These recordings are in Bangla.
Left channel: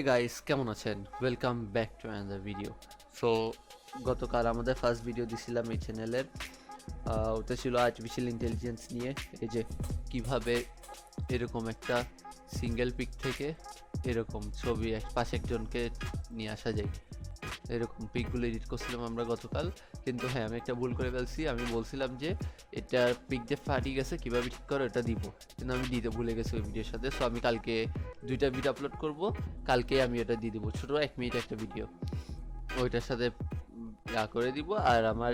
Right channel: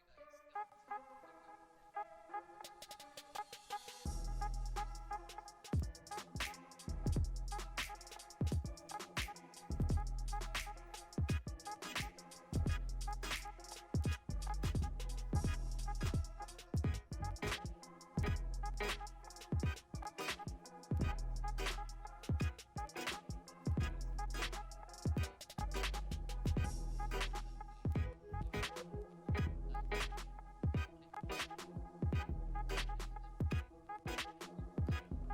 হে গাইস, কেমন আছেন? Welcome back to another video. So গতকাল আমাদের ফার্স্ট ভিডিও দিছিলাম এই চ্যানেলের, ওটা ছিল আর্টিফিশিয়াল ইন্টেলিজেন্স নিয়ে। এই যে কিভাবে এরকম একটা সিঙ্গেল পিক থেকে এরকম ছবি পাশে একজনকে নিয়ে আসা যায়, এরকম পিকগুলো এডিট করছিলাম আমরা গতকাল। কিন্তু হ্যাঁ, আমি একটা ভুল করে ফেলছি। আমি বলছিলাম যে এটা পিক যে ফাটি গেছে কীভাবে ঠিক করে ওটা দিব, কিন্তু আমি দিতে ভুলে গেছি ওই ভিডিওর সাথে। সো আমি কালকে দুইটা ভিডিও আপলোড করব, কালকে আমি এটা দিয়ে দেবো, ছোটো 1 মিনিট একটা ভিডিও, ওইটার সাথে করে দিব। আর আমার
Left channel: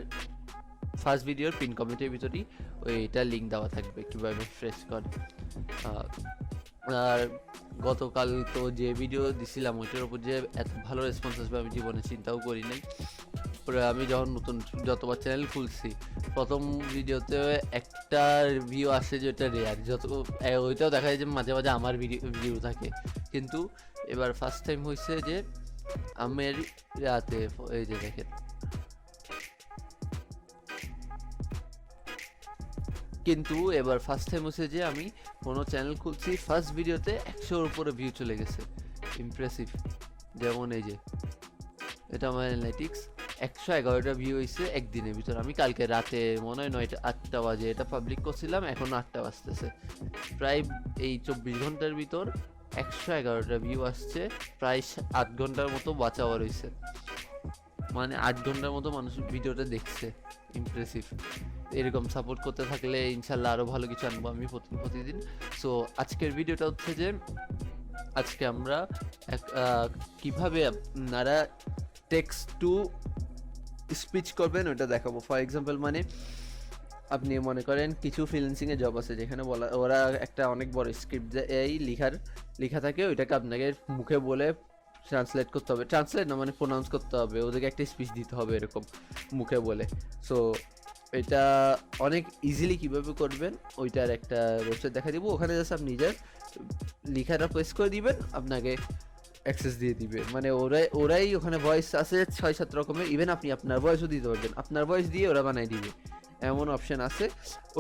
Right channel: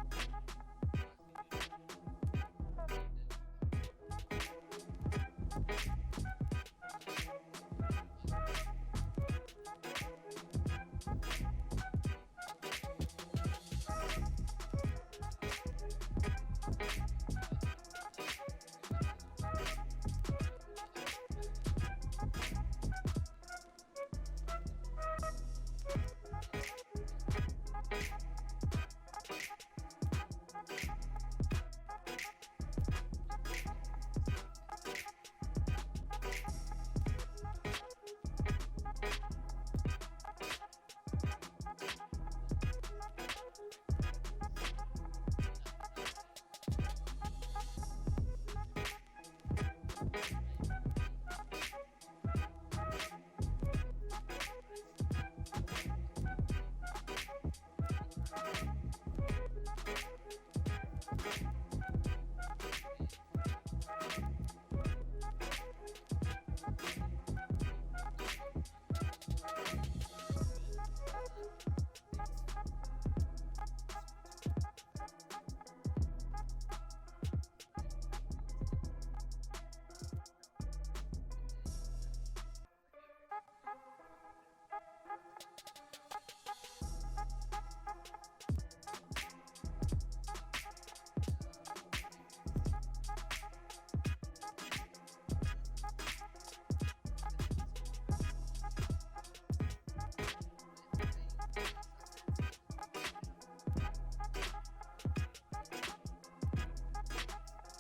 ফার্স্ট ভিডিওর পিন কমেন্টের ভিতরেই ওইটা লিঙ্ক দেওয়া থাকবে কীভাবে ফ্রেশ করে। আর গতকাল তো যে ভিডিও দিছিলাম ওইটার উপর যে এত ভালো রেসপন্স আসবে আমি জীবনে চিন্তাও করি নাই। পরে আমি যখন নতুন যতবার চ্যানেল খুলছি, প্রথম ভিডিওতে একটা রিভিউ আসে যে ওটা রেয়ার, ওইটাও দেখা যায় যে মাঝে মাঝে আমার ভিডিও থাকে। কিন্তু এবার ফার্স্ট টাইম হয়েছে যে আমার রাতে, এই যে দেখেন, কিন্তু এবার ফার্স্ট টাইম হচ্ছে যে আমি কোনো চ্যানেল খুলছি, ফার্স্ট ভিডিওতে 100-র উপরে ভিউ চলে গেছে। ইমপ্রেসিভ। যেমন এই যে এটা আমার অ্যানালিটিক্স, 111টা ভিউ হয়েছে একদিনের ভিতর। আমি কালকে রাতে মনে হয় 9টা-8টা বাজে এটা পাবলিক করছিলাম, এখন 8টা বাজতেছে। প্রায় এই 24 ঘন্টার ভিতর 111টা ভিউ আসছে, প্রায় 8 ঘন্টার মতো ওয়াচ আওয়ার হয়েছে, মানে 8 ঘন্টার মতো মানুষ ভিডিওটা দেখছে। ইমপ্রেসিভ। এরকম সাপোর্ট করতে থাকলে ইনশাল্লাহ আরও ভালো কিছু আনবো আমি প্রতিদিন। সো আজকের ভিডিওটা হচ্ছে যে আজকে আমরা কিভাবে আপনারা টেক্সট টু স্পিচ করবেন ওটা দেখাবো। ফর এক্সাম্পল, মানে আপনি মনে করেন কিছু ফ্রিল্যান্সিংয়ে জব আছে যেখানে ওরা একটা অনেক বড় স্ক্রিপ্ট এই লেখা থাকে, ওইটাকে আপনাকে মুখে বলে ট্রান্সলেট করতে হবে, ট্রান্সলেট না মানে প্রোনাউন্স করতে হবে, ওদেরকে একটা স্পিচ দিতে হবে এরকম মুখে বলে। সো এটা অনেক ইজিলি কীভাবে করবেন ওইটার একটা ওয়েবসাইট দেখা দিব, ওখানে জাস্ট আপনি নিজের লেখাটা প্রেস করে দিবেন, আপনাকে অ্যাক্সেস দিয়ে দিবে। মানে ওরাই ওখানে ভয়েস আছে 6-7 রকমের, ইভেন আপনি আপনার ভয়েসও দিতে পারবেন, আপনার ভয়েস দিয়ে ওরা বানাই দিবে, এমন অপশন আছে।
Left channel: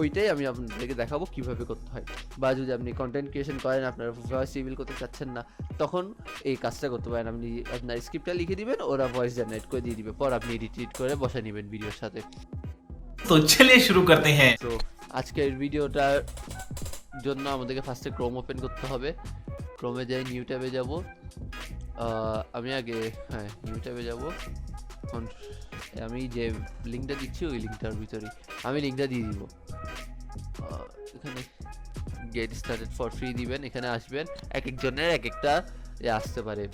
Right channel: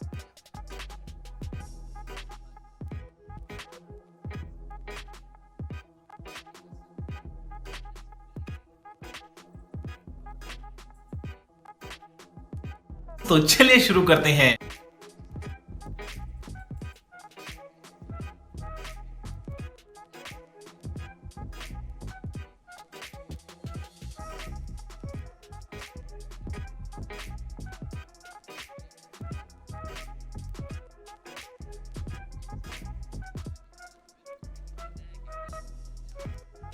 ওইটাই আমি আপনাদেরকে দেখাবো কিভাবে করতে হয়। বা যদি আপনি কন্টেন্ট ক্রিয়েশন করেন, আপনার ভয়েস রিভিল করতে চাচ্ছেন না, তখন এই কাজটা করতে পারেন। আপনি আপনার স্ক্রিপ্টটা লিখে দিবেন, ওরা ভয়েস জেনারেট করে দিয়ে দিবে, পর আপনি এডিট করে বসে নেবেন ভিডিওর সাথে। তো চলিয়ে শুরু করতে হ্যাঁ। তো আজকের ভিডিওটার জন্য আমাদেরকে ফার্স্টে ক্রোম ওপেন করতে হবে। ক্রোমে যাই, নিউ ট্যাবে যাব। আমি আগে নিউ ট্যাবে যাব। আমি যে লিঙ্কটা দিচ্ছি ওই লিঙ্কটার ভিতরে আমি লিঙ্কটা দিয়ে দিব। এখানে গেট স্টার্টেড ফর ফ্রি দিবেন, এখানে আসবেন, এক একজনের এক একটা আসতে পারে,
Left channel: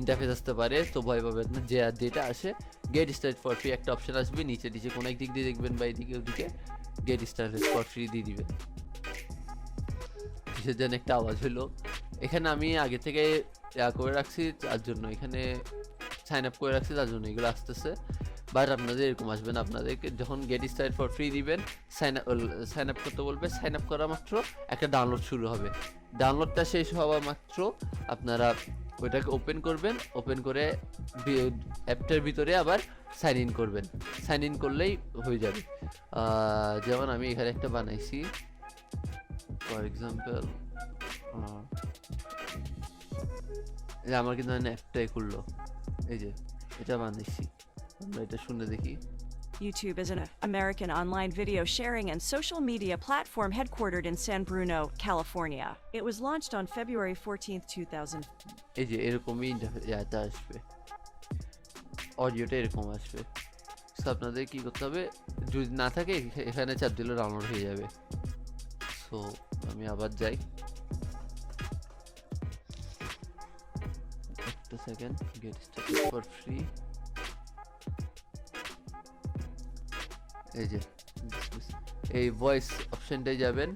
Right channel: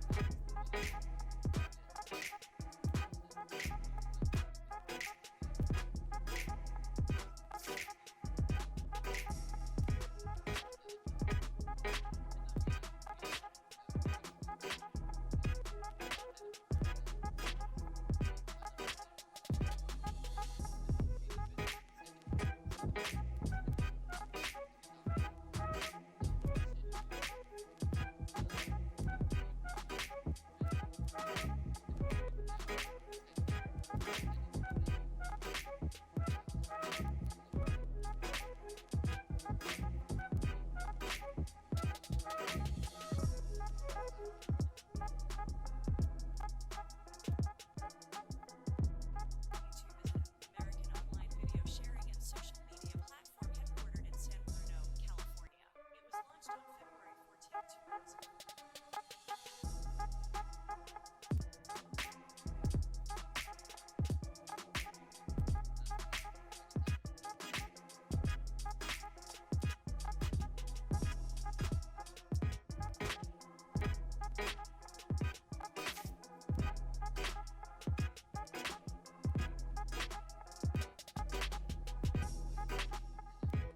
ইন্টারফেস আসতে পারে, তো ভয় পাবেন না। যেটা আসে গেট স্টার্টেড ফর ফ্রি একটা অপশন আসবে নিচে কোনো এক দিক দিয়ে দেখবেন বা এদিকে ওদিকে গেট স্টার্টেড ফর ফ্রি দিয়ে দিবেন। সেজন্য একটা আওয়াজ হলো। এখানে আমি আগে থেকে করে রাখছি তার জন্য, এখানে সাইন আপ করে রাখছি তার জন্য এগুলো আসতেছে। বাট আপনাদের এরকম আসবে না, আপনাদেরকে যখন গেট স্টার্টেড ফর ফ্রি দিবেন সাইন আপ করতে বলবে, সাইন আপ করা মাত্র একটা ডাউনলোড শুরু হবে। ডাউনলোডটা শেষ হওয়া মাত্র আপনারা ওইটাকে ওপেন করবেন, ওপেন করে অ্যাপটার ভিতরে আবার সাইন ইন করবেন। সাইন ইন করলেই হয়ে যাবে। যেমন আমি এখানে একটা বানাইছি, ফর এক্সাম্পল আমার কিন্তু অ্যাপটাই খুললো, এই যে এটা বানাইছি, আমরা এটা শুনে দেখি। YouTube is an American online video sharing and social media platform headquartered in San Bruno, California. It was launched on February 14th, 2000. এই যে এরকমই ইন্টারফেসটা আসবে, অডিওটা এরকম আসবে। সো আপনাদের কি করতে হবে, যদি না থাকে এখানে চাপ দিলে ডাউনলোড হয়ে যাবে। সো আমি আবার যাই, একটা second, get started for free. এই যে এই ভয়েস অপশনটাই যাবেন,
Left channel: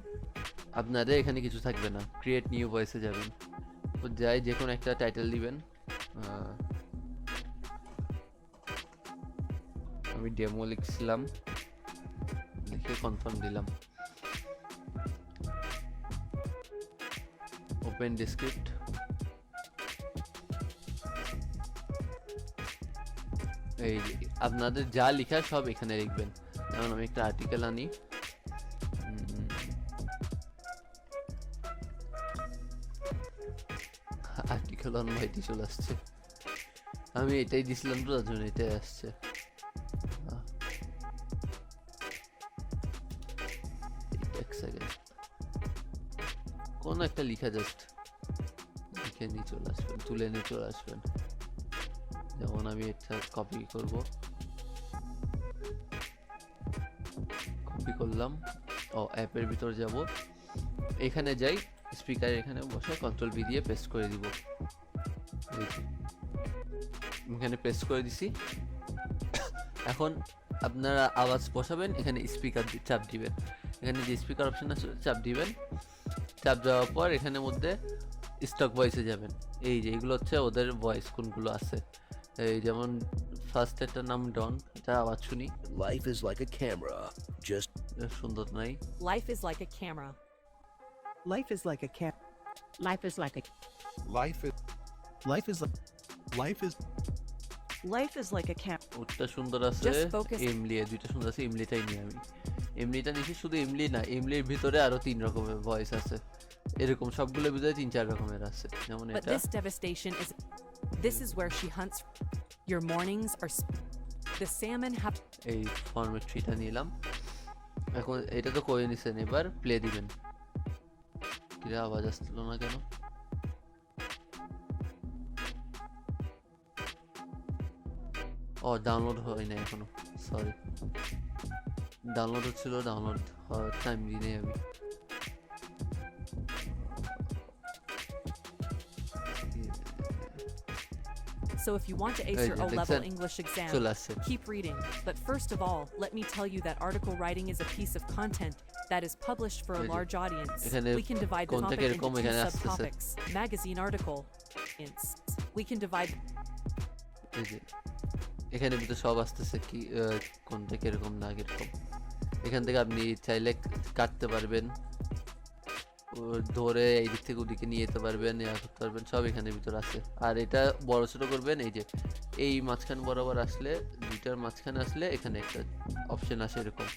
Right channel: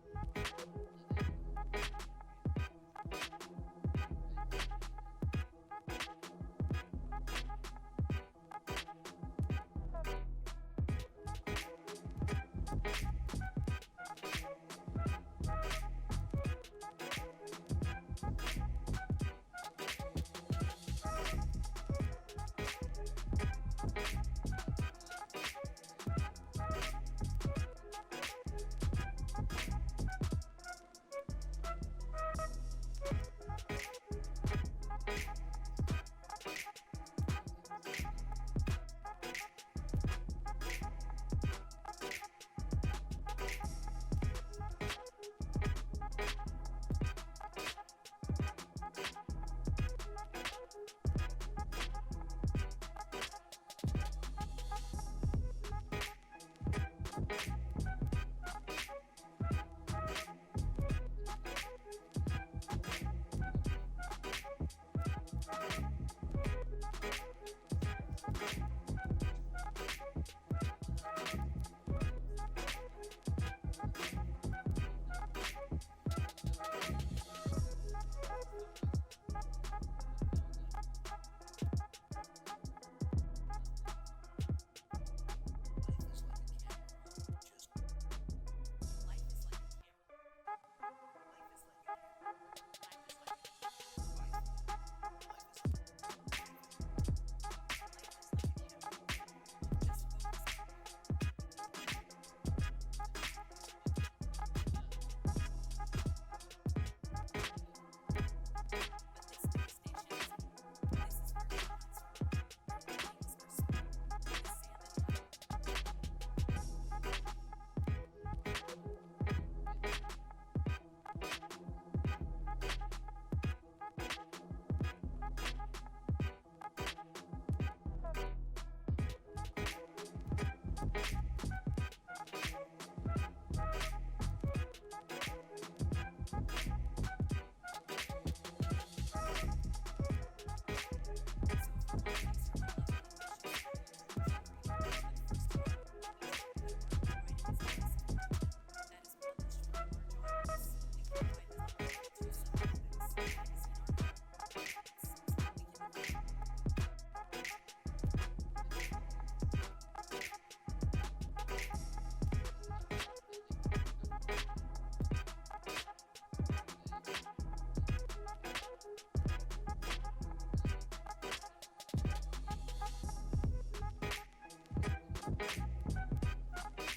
আপনাদের এখানে কিছু থাকবে না, ক্রিয়েট নিউ ভয়েসে যাবেন। তো যাই, যে কোনো একটা টাইটেল দিবেন। আমি ডেমো লিখছিলাম, লিখে কনফার্ম দিলাম। Open descript। এই আপনাদের যা লেখা সব এখানে লিখবেন। যেমন আমি একটা আর্টিকেল আনি, আর্টিকেল লন ভাইটি চলে আসছে। আমি এটাই দিছিলাম তো, তার জন্য এটাই আসছে। এক সেকেন্ড, কোন একটা লিখা জাস্ট লিখে নিয়ে চলে আসবেন, তুলে নিয়ে চলে আসবেন। যেমন আমি এটা কপি করব, কপি করলাম। অ্যাপের ভিতর যাব, এখানে যাই, স্পিকার এখানে বসে কন্ট্রোল ভি দিয়ে পেস্ট করে দিব। এখানে পেস্ট করে দিছি। এখন আপনারা আওয়াজ বসাবেন, এখানে স্পিকার চাপ দিবেন, এখানে যে স্পিকার অপশন আছে চাপ দিবেন। চাপ দেওয়ার পর এখানের মধ্যে স্টক ভয়েসে যাবেন। এই যে এগুলো হচ্ছে ওদের ভয়েস কোনগুলো আছে। এই যেমন ফার্স্ট এটার নাম ডন, এটা আওয়াজ শুনি। Life is like a camera. Just সুন্দর নাই। Life is like a camera. Life is like a cat. Life is like a life is life is Life is like a cat. ওটা সুন্দর আছে। Just focus. এমলি, দুইটা সুন্দর আছে, এমলিটাই নিই আমি। এমলিটা নিছি, শুধু এমলি না, এমলির ভিতরে আরো 3 রকমের ভয়েস আছে। এরকম সবগুলোর ভিতরে 3-4 রকমের আছে। যেমন But এটা this devastation is. This is where she hunts. Your mornings are. The salmon have. এই ফরম্যাট ট্রিটা নিলাম। এখন এটা তো করে নিছেন, এবার প্লে দিবেন। কি আওয়াজ আসলো না কেন? ডাউনলোড হয় না এখনো, সরি। ডাউনলোড হচ্ছিল, ডাউনলোড হওয়ার টাইম দিই আমি। So if you want to ace Hey, your Jackson. O-level English exam, চলে আসছে। keep reading. But first of all, let me tell you that article writing is a piece of content that is published for a Hey, large audience. এখানে We can divide the কোনটা topic into কিরকম 2 এখানে আসতেছে। subtopics. Magazine article. We can divide. এই যে এখানে ভিতরে সব আসতেছে, কি কোনটা কিরকম না কিরকম। এখান থেকে আপনি চাইলে কাটতে পারবেন, ধরে এই দিক থেকে ওদিকে নিয়ে যেতে পারবেন, করতে পারবেন, সব এখানে ভিতর আছে। আর এটা বড় ছোট করবেন, এই যে এই মাঝখান বরাবর আসলে, দুইটার মাঝখানে আসলে এখানে একটা অপশন আসে এরকম,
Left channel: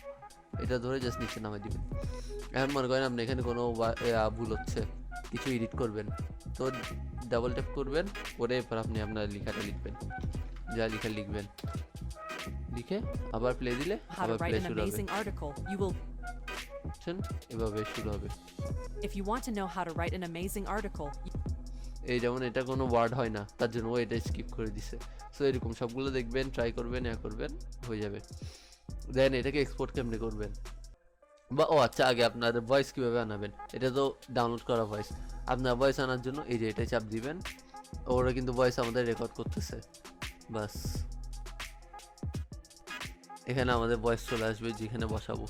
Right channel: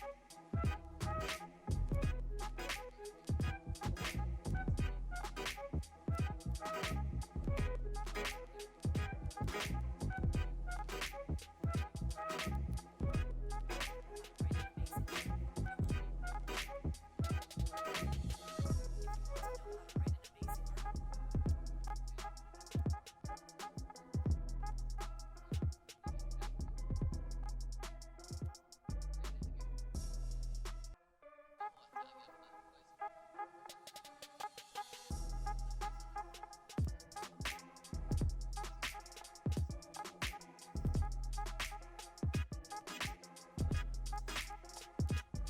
এটা ধরে জাস্ট নিচে নামাই দিবেন। এখন মনে করেন আপনি এখানে কোনো ভুল হচ্ছে, কিছু এডিট করবেন, তো ডাবল ট্যাপ করবেন, করে এরপর আপনি আপনার লেখাটা লিখবেন, যা লিখে লিখবেন, লিখে আবার প্লে দিলে How to আবার write প্লে an শুরু হবে। amazing article. You will. এভাবে শুরু হবে। If you want to know how to write an amazing article, এই যেমন এটা কোনো ওয়ার্ড হয় না, তার জন্য ও এটা স্কিপ করে দিছে। সো এরকম সবগুলো দেখবেন, ট্রাই করবেন, করবেন, হয়ে যাবে। দেন এটাকে এক্সপোর্ট কেমনে করবেন, বা আচ্ছা আগে আপনার ভয়েস কিভাবে আনাবেন। এটা তো ডাউনলোড করা ভয়েস, আপনার ভয়েস আনার জন্য এই যে এটা চাপ দিবেন, ওরা কিন্তু ভয়েস আমাদের রেকর্ড করতেছে। বাস এখানে আমাদের ভয়েস চলে আসবে, যেখানে বসাবো।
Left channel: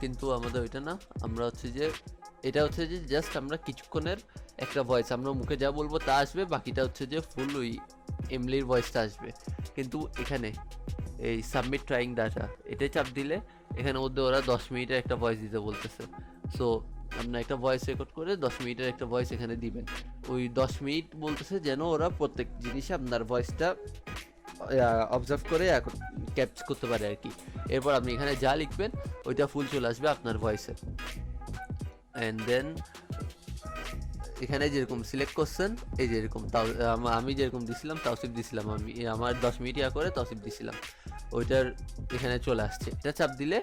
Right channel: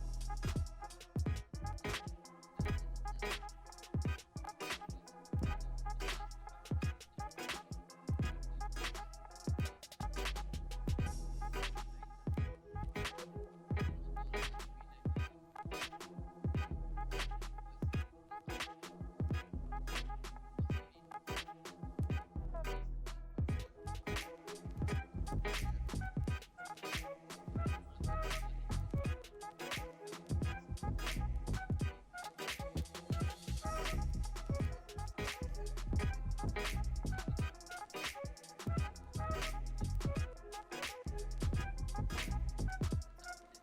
কিন্তু আমাদের ওইটা না, আমরা হচ্ছে যে এটা হচ্ছে যে জাস্ট আমরা কিছুক্ষণের একটা ভয়েস, আমরা মুখে যা বলবো তা আসবে, বাকিটা হচ্ছে যে ফুল ওই এমলির ভয়েসটা আসবে। কিন্তু এখানে এই সাবমিট ট্রাইং ডাটা, এটাই চাপ দিলে এখানে মধ্যে ওরা 10 মিনিটের একটা ভয়েস দিতে বলতেছে। সো আপনার একটা ভয়েস রেকর্ড করে 10 মিনিটের একটা ভয়েস এখানে দিবেন। ওই 10 মিনিট বলতেছে যেন ওরা প্রত্যেক জিনিসে আপনার ভয়েসটা অবজার্ভ করে ক্যাপচার করতে পারে আর কি। এরপর আপনি এখানে যা লিখবেন ওইটা ফুল চলে আসবে আপনার ভয়েসে। অ্যান্ড দেন এখানে যেরকম সিলেক্ট করছেন, এই যেরকম আমি যেরকম দিছিলাম তাওসিফ দিছিলাম, আমি আমার 10 মিনিট করে তাওসিফ দিছিলাম, ওইটার এখানে চলে আসছে। এটা চাপ দিলে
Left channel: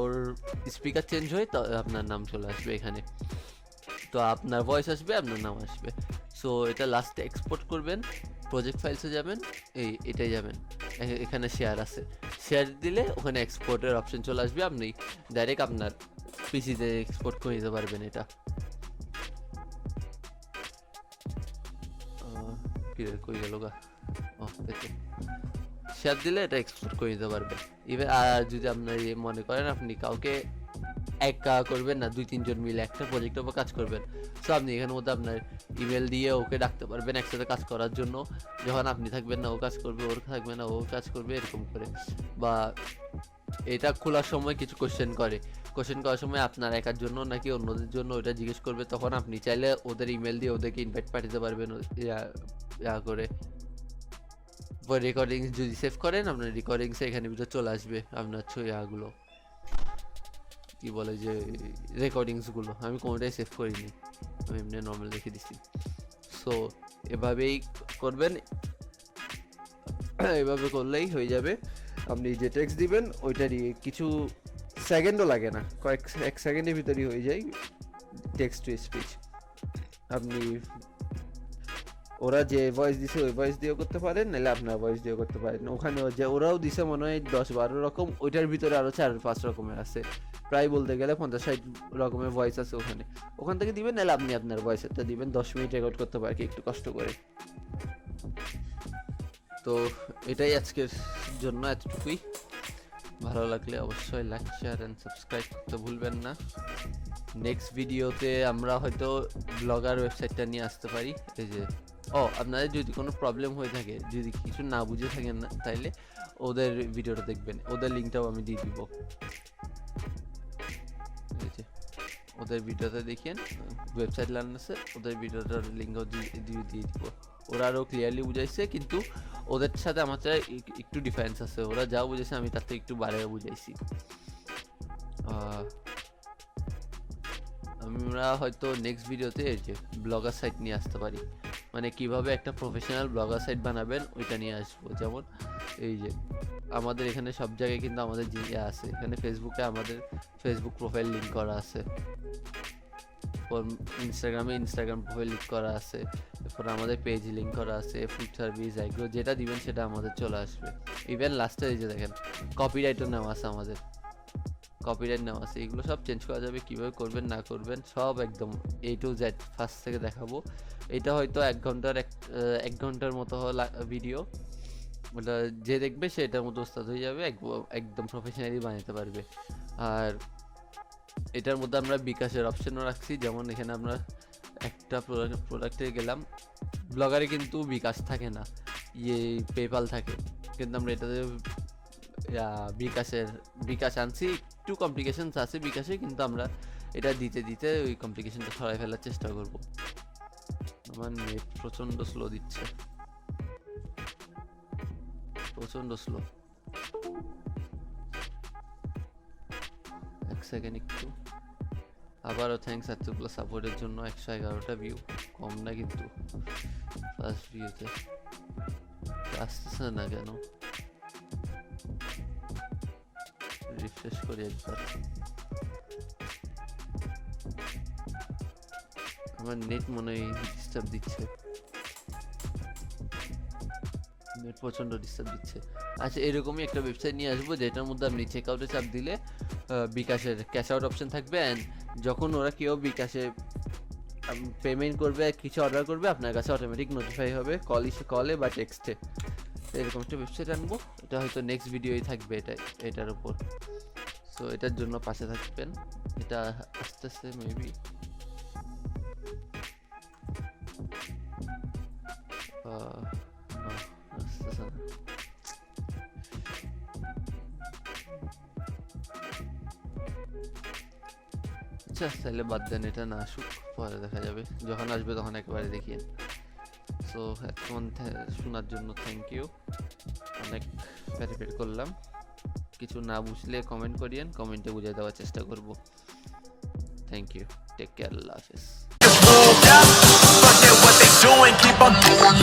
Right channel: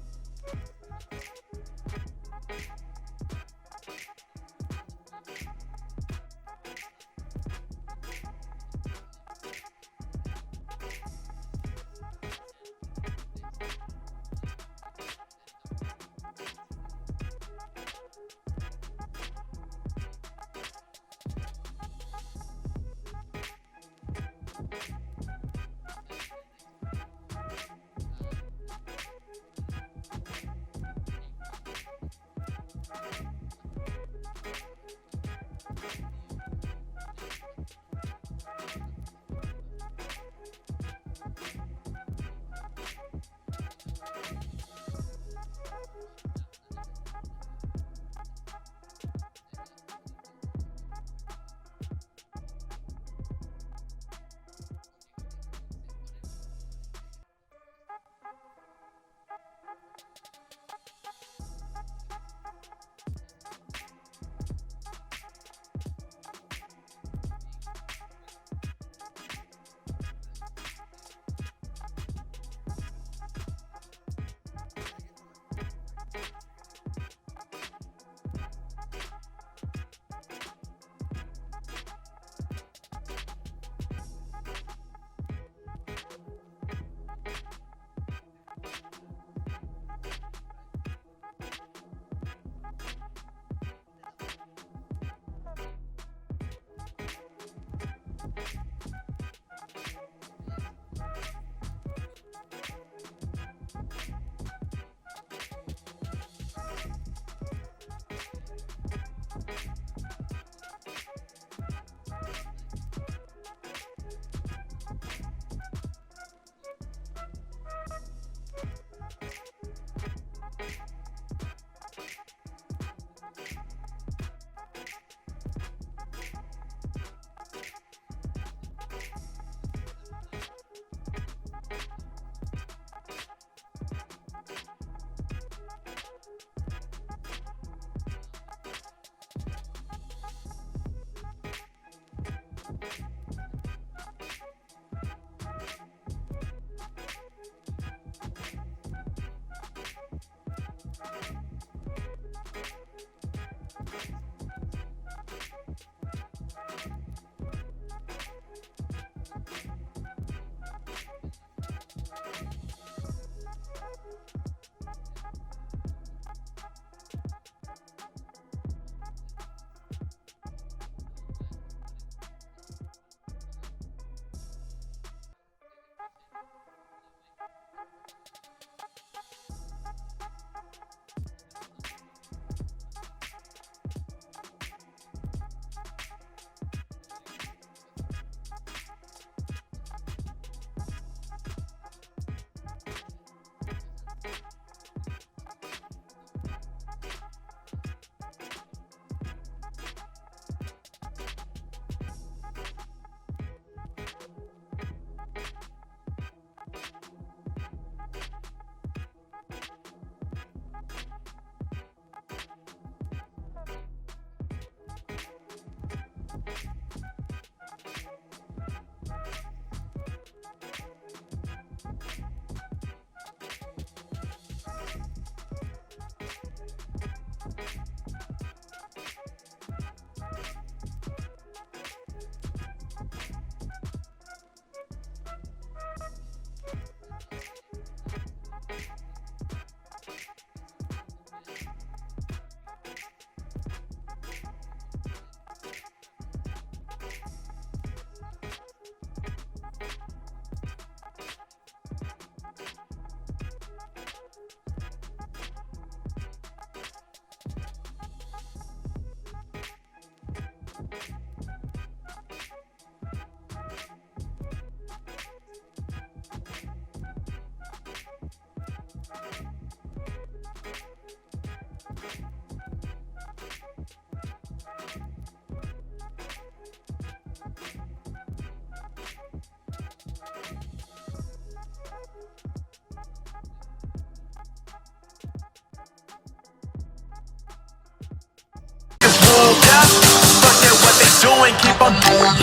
ওর স্পিকার চেঞ্জ হয়ে আপনার নাম চলে আসবে এখানে, তো আপনার ভয়েস আসবে, আপনার নাম আসবে। সো এটা লাস্টে এক্সপোর্ট করবেন, প্রজেক্ট ফাইলসে যাবেন, এটাই যাবেন, এখানে শেয়ার আছে, শেয়ার দিলে ওখানে এক্সপোর্টের অপশন চলে আসবে, আপনি ডাইরেক্ট আপনার পিসিতে এক্সপোর্ট করে নিতে পারবেন। এটা কই গেল গা, শেয়ার দিলে এটা এক্সপোর্ট করে নিতে পারবেন। ইভেন আর যদি আপনার মনে করেন আপনি কাউকে একা করবেন না, 2-3 জন মিলে একটা প্রজেক্টের উপর কাজ করবেন, সো আপনি এখানের মধ্যে আপনার ইমেল দিয়ে ওকে ডাকতে পারবেন একসাথে কাজ করার জন্য। যখন আপনি থাকবেন না ও কাজ করবে, ওর থাকবে না ও কাজ করবে, এরকম করে। বা এটা খোলার সময় কিছু কোশ্চেন করার সময় আপনার একার জন্য নাকি অন্যদের জন্য ওটা জিজ্ঞেস করবে, তখন আপনি চাইলে ওদের ইমেল দিয়ে ওদেরকে ইনভাইট পাঠাতে পারবেন করে। রেকর্ডিংস যদি সেভ করেন, আপনার রেকর্ডিংস এখানে ভিতরে চলে আসবে, আপনার গুলো কি বলে যে রেকর্ডিংস গুলো। আমি কোনোটাই সেভ করিনি, আমি এমনি নর্মাল রেখে দিচ্ছি। সো এভাবেই করবেন, এভাবে করলেই হয়ে যাবে। আপনি যে টেক্সট দিবেন ওইটারই কিছু সেকেন্ডও লাগে না, এক সেকেন্ডের ভিতরেই হয়ে যায় টেক্সট টু স্পিচ। আপনি ওরা যে ভয়েস দিছে ওই ভয়েস দিয়েও করতে পারেন, নাহলে আপনার ভয়েস দিয়েও করতে পারেন। ওখানে যে ওরাও দিছে মনে হয় 10-12 রকম, ওইটার ভিতরে আরও 4-5 রকমের আছে, প্রায় বলতে গেলে 50-60 রকমের ভয়েস আছে ওখান থেকে দিবেন, নাহলে আপনি আপনার ভয়েসেরটা দিবেন। 10 মিনিট রেকর্ড করতে পারে কি একটু কষ্ট করে। তো এটাই আজকের জন্য, এতটুকুই। ভালো লাগলে অবশ্যই লাইক, শেয়ার অ্যান্ড সাবস্ক্রাইব করতে ভুলবেন না। নেক্সট ভিডিওতে আমরা হয়তো ব্লগার ওয়েবসাইটটা নিয়ে আসতে পারি। এই যে আপনাদের যদি কোনো প্রবলেম হয়ে থাকে, যদি কিছু না বুঝে থাকেন না, তাইলে ওদের ভিডিওটা দেখবেন, ওদের লিঙ্কটাও আমি দিয়ে দিব। ওদের ভিডিওতে দেখিয়েন ওয়েবসাইট লার্নার্সের, ওদের ভিডিওটার লিঙ্কও দিয়ে দিব। ওরা আরও ক্লিয়ারলি বুঝাইছে, কিন্তু ওদের সাথে আমার একটু ডিফারেন্স আছে। ওরা যা বুঝেছে আমি তার থেকে একটু বাড়িয়ে বুঝাইছি। আমরা হয়তো নেক্সট ভিডিওতে ব্লগার সাইট নিয়ে আসতে পারি, মানে কিভাবে একটা প্রফেশনাল ব্লগার সাইট বানাবেন ওইটা নিয়ে আসবো। যেমন এই যে আমাদের এখানে সব জায়গায় কিন্তু আমাদের জিনিস আছে, এখানে ফেসবুকে আমাদের ফেসবুক প্রোফাইল লিঙ্ক করা আছে, ইনস্টাগ্রামে ইনস্টাগ্রাম প্রোফাইল লিঙ্ক করা আছে, এরপর আমাদের পেজ লিঙ্ক করা আছে, ফুড সার্ভিস, এগুলো যেটা দিবেন সেটা আমাদের চলে আসবে। ইভেন লাস্টে এই যে দেখেন কপিরাইটও নেওয়া আছে, আমাদের কপিরাইট নেওয়া আছে। এগুলো সব চেঞ্জ করা যাবে, কীভাবে করবেন না করবেন সব একদম A to Z ফার্স্ট থেকে দেখাবো। এটা হয়তো 1 ঘন্টার মতো ভিডিও, ওটা যে দেখবে সে এটার মতো ওস্তাদ হয়ে যাবে, একদম প্রফেশনালি বানাতে পারবে। আর এটার মধ্যে আমরা বিকাশের অপশনও রাখছি, যেমন এখানে আমরা একটা প্রোডাক্টে গেলাম, ব্লগারে কিন্তু বিকাশ থাকে না, পেপাল থাকে, কিন্তু আমরা এটাতে বিকাশ আনছি। একটু কমপ্লিকেশনস আছে বিকাশে, কিন্তু আমরা এটা দিতে ওই কমপ্লিকেশনটা সরাই ফেলার চেষ্টা করব। আমার নেট প্রচণ্ড স্লো দিচ্ছে, প্রচণ্ড স্লো। এক সেকেন্ড একটু। আবারও থ্যাংকস এতগুলো সাপোর্টের জন্য। 111টা ভিউ, কম না কিন্তু ফার্স্ট ভিউতে। আসতেছে না কেন? রিফ্রেশ করি একবার। আমার নেট মনে হয় ডিস্টার্ব দিচ্ছে, নেট প্রচণ্ড ডিস্টার্ব দিচ্ছে। আচ্ছা, এরকমই একটা ওয়েবসাইট নিয়ে আসবো যেটার মধ্যে আপনি চেক আউটে চাপ দিলে বিকাশের ক্যাশ আউট অপশন থাকবে, অ্যান্ড যখন ওরা কেউ বিকাশে পেমেন্ট করবে, কিছু অর্ডার করবে, আপনার কাছে অটোমেটিক নোটিফাই হবে কলে বা টেক্সটে। এরকম একটা ওয়েবসাইট আনবো, এটা হয়তো নেক্সট ভিডিওই থাকবে এটার উপর। সো এটার জন্য পাশে থাকবেন, এটা আস্তে আস্তে মেবি আচ্ছা, তাহলে বাদ দেন, এটা না আসুক, পরে দেখা যাবে, যখন আসবে তখন একবারে দেখিয়ে। সো এখন শোনার জন্য থ্যাংক ইউ, অনেক প্যারিপেট করলাম। কিছু না বুঝলে কমেন্ট করিয়েন, কমেন্টে বুঝিয়ে দেওয়ার চেষ্টা করব। থ্যাংক ইউ, টেক কেয়ার, আল্লাহ হাফেজ। Forget what they doing, keep on doing.